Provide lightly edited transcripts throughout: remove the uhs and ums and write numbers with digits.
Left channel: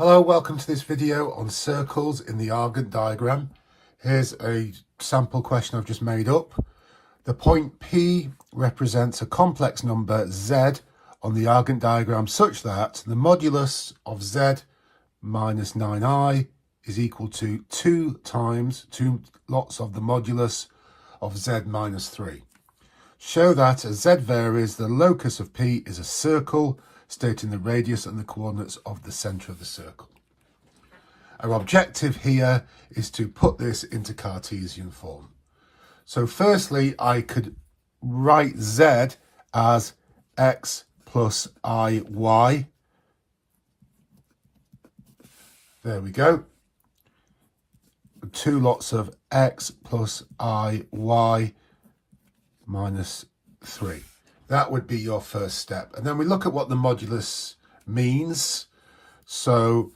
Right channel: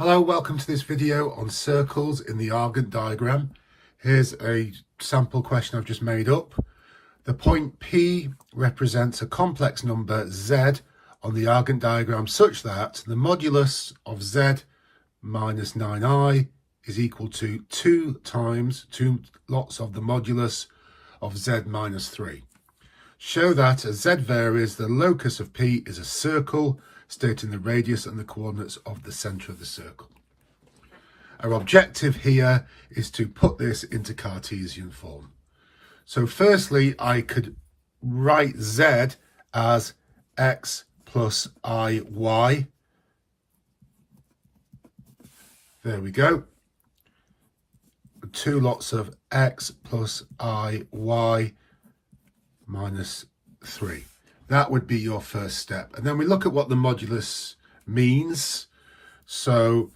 Hello, welcome to this video on circles in the Argand diagram. Here's a sample question I've just made up. The point P represents a complex number Z on the Argand diagram such that the modulus of Z minus 9i is equal to 2 lots of the modulus of Z minus 3. Show that as Z varies, the locus of P is a circle, stating the radius and the coordinates of the centre of the circle. Our objective here is to put this into Cartesian form. So firstly, I could write Z as x plus iy. There we go. 2 lots of x plus iy minus 3. That would be your first step. And then we look at what the modulus means. So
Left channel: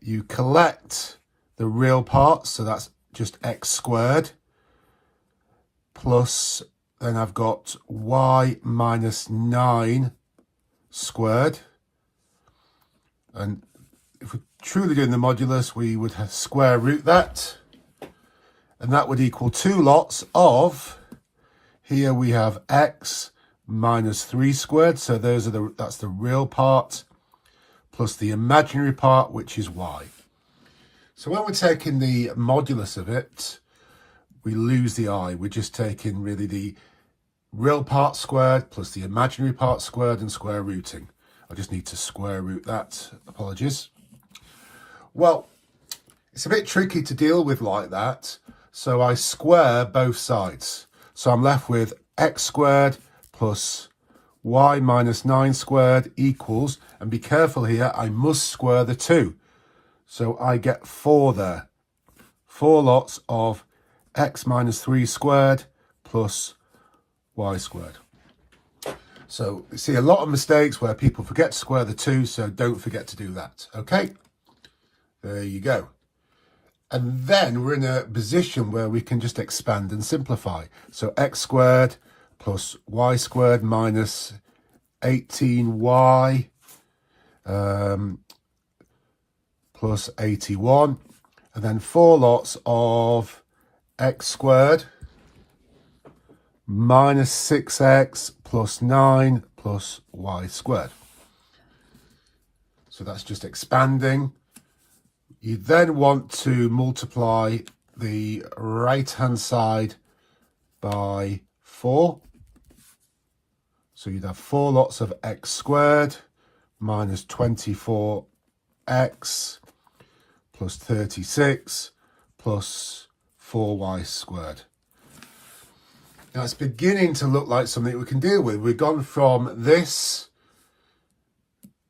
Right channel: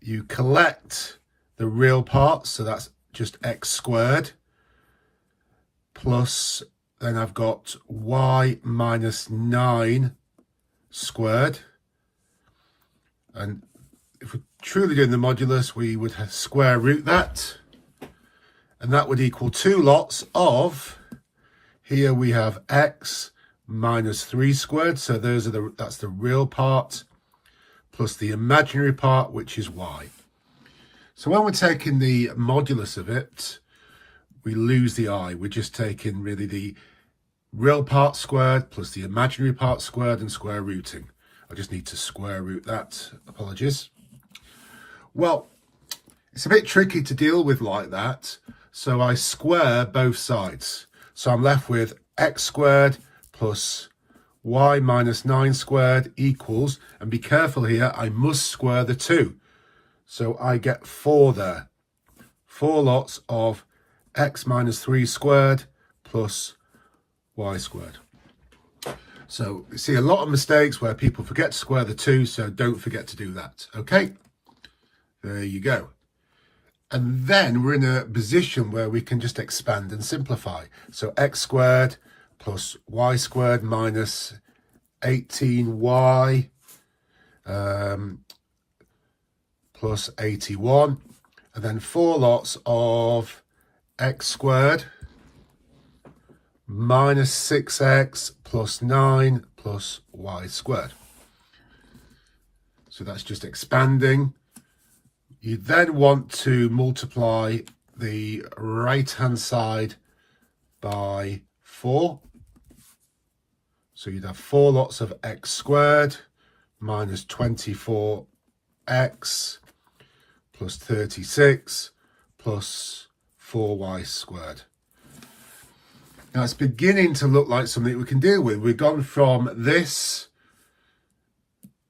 you collect the real parts, so that's just x squared, plus then I've got y minus 9 squared. And if we're truly doing the modulus, we would have square root that. And that would equal 2 lots of, here we have x minus 3 squared, so that's the real part, plus the imaginary part, which is y. So when we're taking the modulus of it, we lose the I. We're just taking really the real part squared plus the imaginary part squared and square rooting. I just need to square root that, apologies. Well, it's a bit tricky to deal with like that, so I square both sides. So I'm left with x squared plus y minus 9 squared equals, and be careful here, I must square the 2. So I get 4 there. 4 lots of x minus 3 squared plus y squared. So you see a lot of mistakes where people forget to square the 2, so don't forget to do that. Okay, there you go. And then we're in a position where we can just expand and simplify. So x squared plus y squared minus 18y plus 81. And then 4 lots of x squared minus 6x plus 9 plus y squared. So that's just expanding. You then want to multiply the right-hand side by 4. So you'd have 4 lots of x squared minus 24x plus 36 plus 4y squared. Now it's beginning to look like something we can deal with. We've gone from this,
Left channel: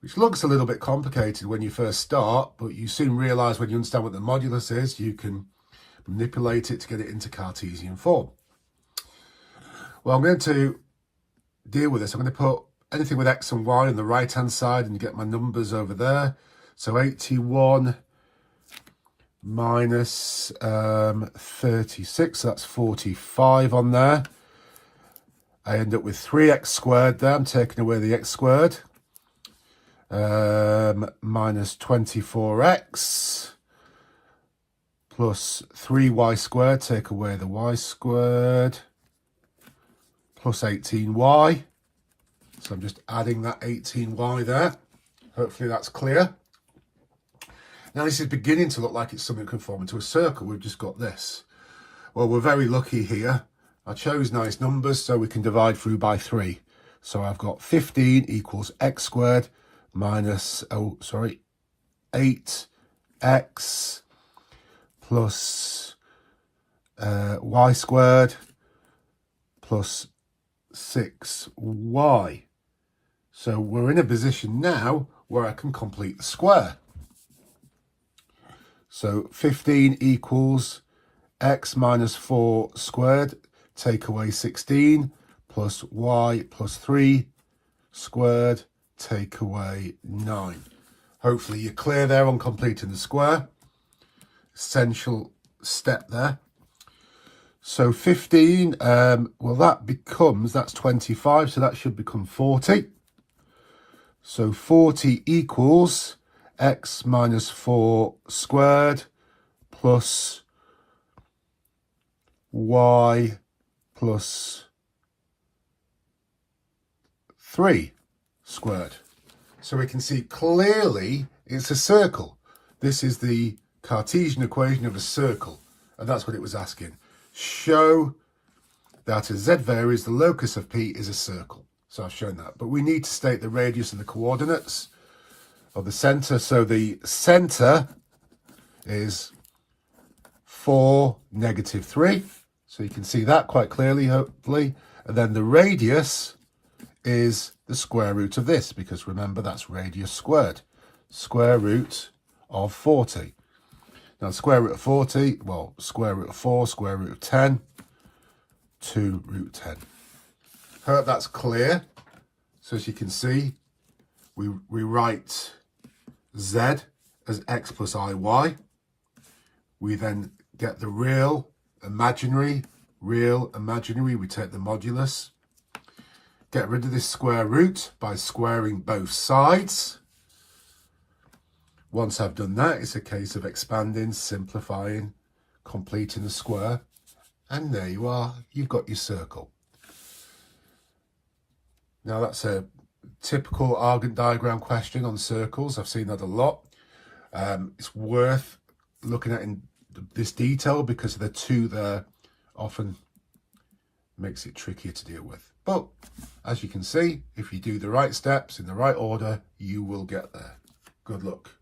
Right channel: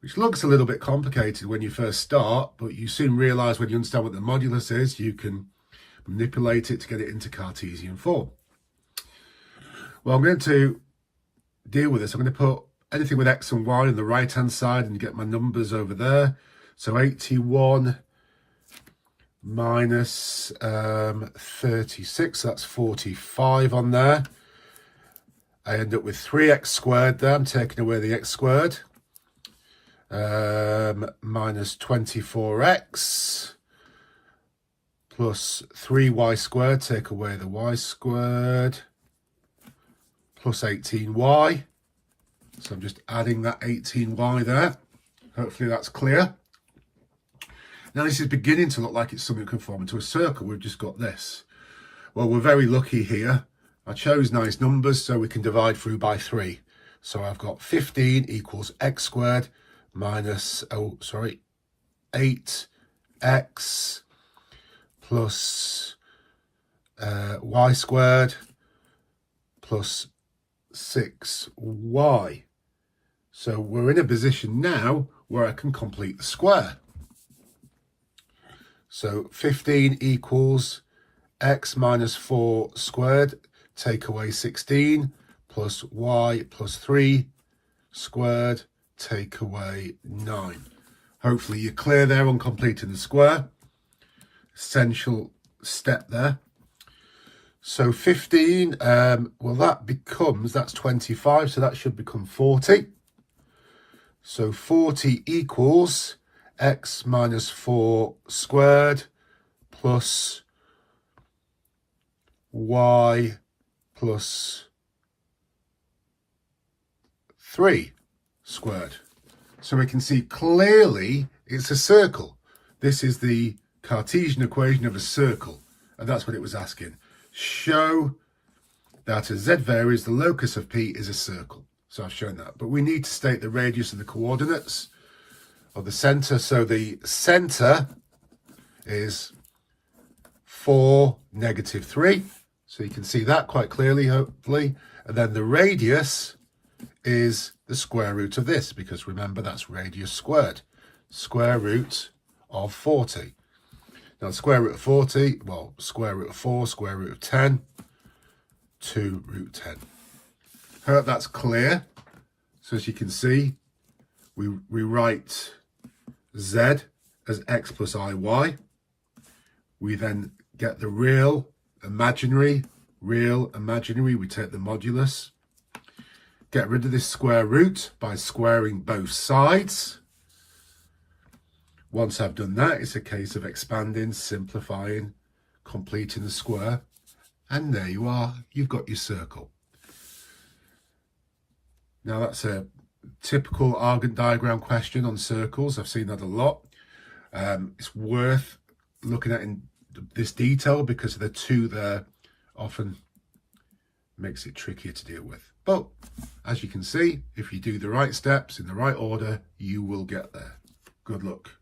which looks a little bit complicated when you first start, but you soon realise when you understand what the modulus is, you can manipulate it to get it into Cartesian form. Well, I'm going to deal with this. I'm going to put anything with x and y on the right hand side and get my numbers over there. So 81 minus 36, so that's 45 on there. I end up with 3x squared there. I'm taking away the x squared. Minus 24x plus 3y squared, take away the y squared, plus 18y. So I'm just adding that 18y there. Hopefully that's clear. Now this is beginning to look like it's something that can form into a circle. We've just got this. Well, we're very lucky here. I chose nice numbers so we can divide through by 3. So I've got 15 equals x squared minus, 8x plus y squared plus 6y. So we're in a position now where I can complete the square. So 15 equals x minus 4 squared, take away 16, plus y plus 3 squared, take away 9. Hopefully you're clear there on completing the square. Essential step there. So 15, well that's 25, so that should become 40. So 40 equals x minus 4 squared plus y plus 3 squared. So we can see clearly it's a circle. This is the Cartesian equation of a circle, and that's what it was asking. Show that as z varies, the locus of P is a circle. So I've shown that. But we need to state the radius and the coordinates of the centre. So the centre is 4, -3. So you can see that quite clearly, hopefully. And then the radius is the square root of this, because remember, that's radius squared. Square root of 40. Now, square root of 40, well, square root of 4, square root of 10, 2 root 10. Hope that's clear. So as you can see, we write z as x plus iy. We then get the real, imaginary, we take the modulus. Get rid of this square root by squaring both sides. Once I've done that, it's a case of expanding, simplifying, completing the square. And there you are, you've got your circle. Now that's a typical Argand diagram question on circles. I've seen that a lot. It's worth looking at in this detail because the two there often makes it trickier to deal with. But as you can see, if you do the right steps in the right order, you will get there. Good luck.